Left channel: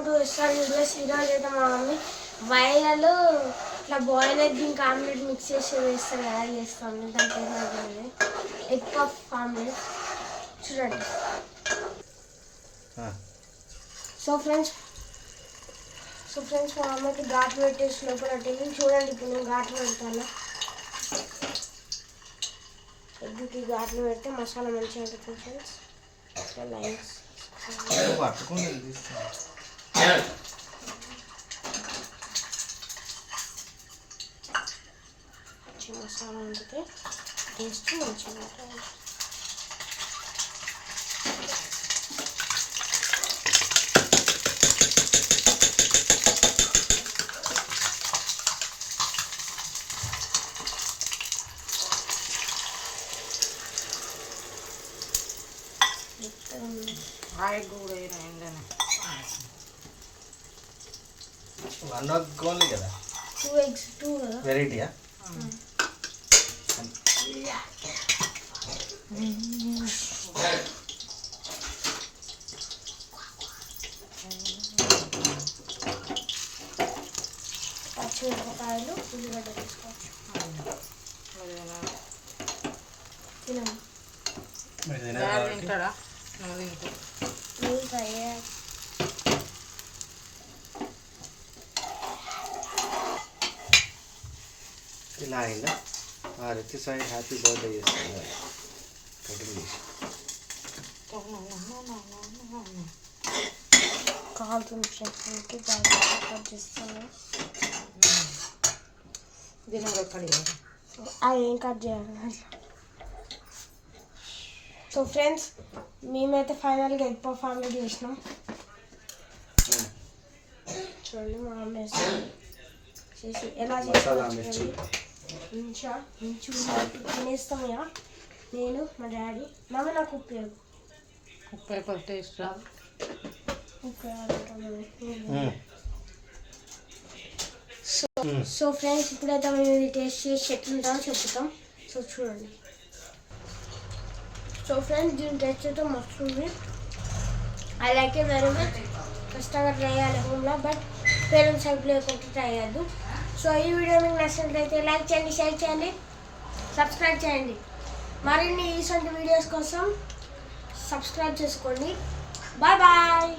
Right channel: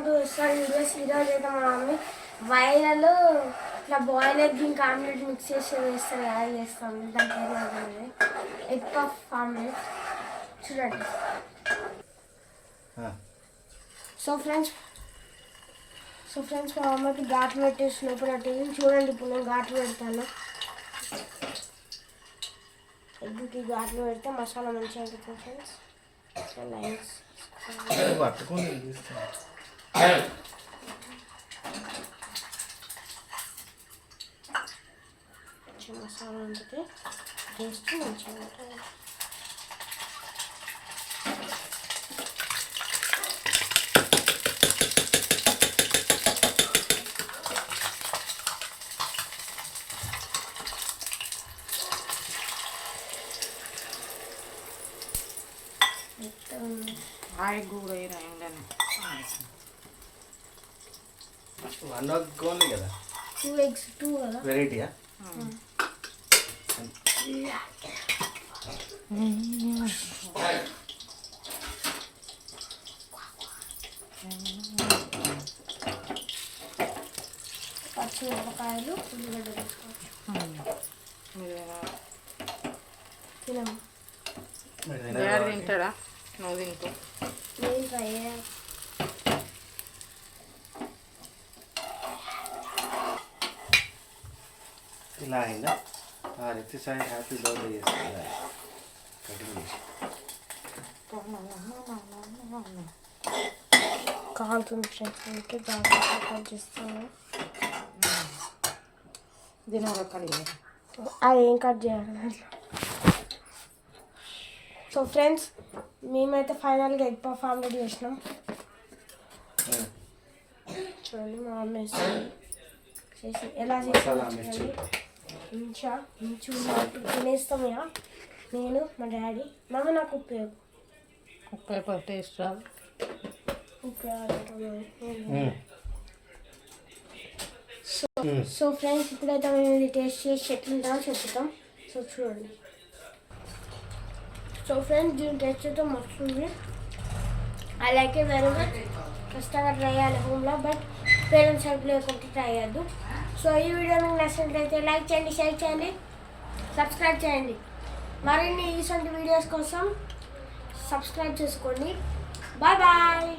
Welcome to restaurant videos. ఈరోజు అయితే మా మమ్మీ వైరల్ ఇట్లా బాయిల్ ఎగ్ ఇంకా ఆమ్లెట్ మిక్స్ చేసి వేస్తారు కదా, చేస్తాం. దాని పేరు ఎగ్ పఫ్ ఆమ్లెట్. చూడండి. సో ఫ్రెండ్స్ మా అమ్మకి ఘాట్లు పెట్టేసి లోపల చూడండి. ఇప్పుడు నేను ఘాట్లు పెడతాను. ఎగ్కి ఘాట్లు పెడితే మసాలా మంచిగా ఉంటుంది ఫ్రెండ్స్. ఇట్లా లైన్స్ మసాలా ఉంటుంది, టేస్ట్ మంచిగా ఉంటుంది. ఓన్లీ కదా, 2 eggs, 2 కదా వెరైటీయా. పచ్చిమిరపకాయలు, ఉల్లిగడ్డ వేసుకోవచ్చు. తింటారా? ఇలా అయిందా? ఆ రితి సాయి హ్యాపీ బర్త్డే చేస్తుంది కటింగ్ చేసి. కావాల్సిన చెట్టు జాగ్రత్తగా కట్ చేస్తాను. అది ఏం కట్ చేయాలి. సో ఫ్రెండ్స్, మేమైతే ఫైనల్గా ఎగ్ పఫ్ ఆమ్లెట్ చేసినాం. చూడండి మా మమ్మీ చేసి ఎలా చేసి మంచిగా తినేస్తాం. ఇక నేను మా డాడీ నాకు ఉపయోగం టేస్ట్ రాదు. సో ఫ్రెండ్స్, ఇప్పుడైతే మేము ఇది టేస్ట్ చేసి ఎట్లుంటామో చెప్తాం. సో చూడండి. సో ఫ్రెండ్స్, దీని టేస్ట్ అయితే మస్తు ఉంది. I like it very much. కష్టంగా ట్రై చేయాలి హోమ్లో, బట్ పేరెంట్స్ హెల్ప్ లేకుండా ట్రై చేయద్దు. సో ఈ వీడియో మీకు నచ్చినట్లయితే లైక్ చేయండి, షేర్ చేయండి, సబ్స్క్రైబ్ చేయండి. మరిన్ని ఇటువంటి వీడియోస్ కోసం సబ్స్క్రైబ్ చేసుకోండి. Bye bye.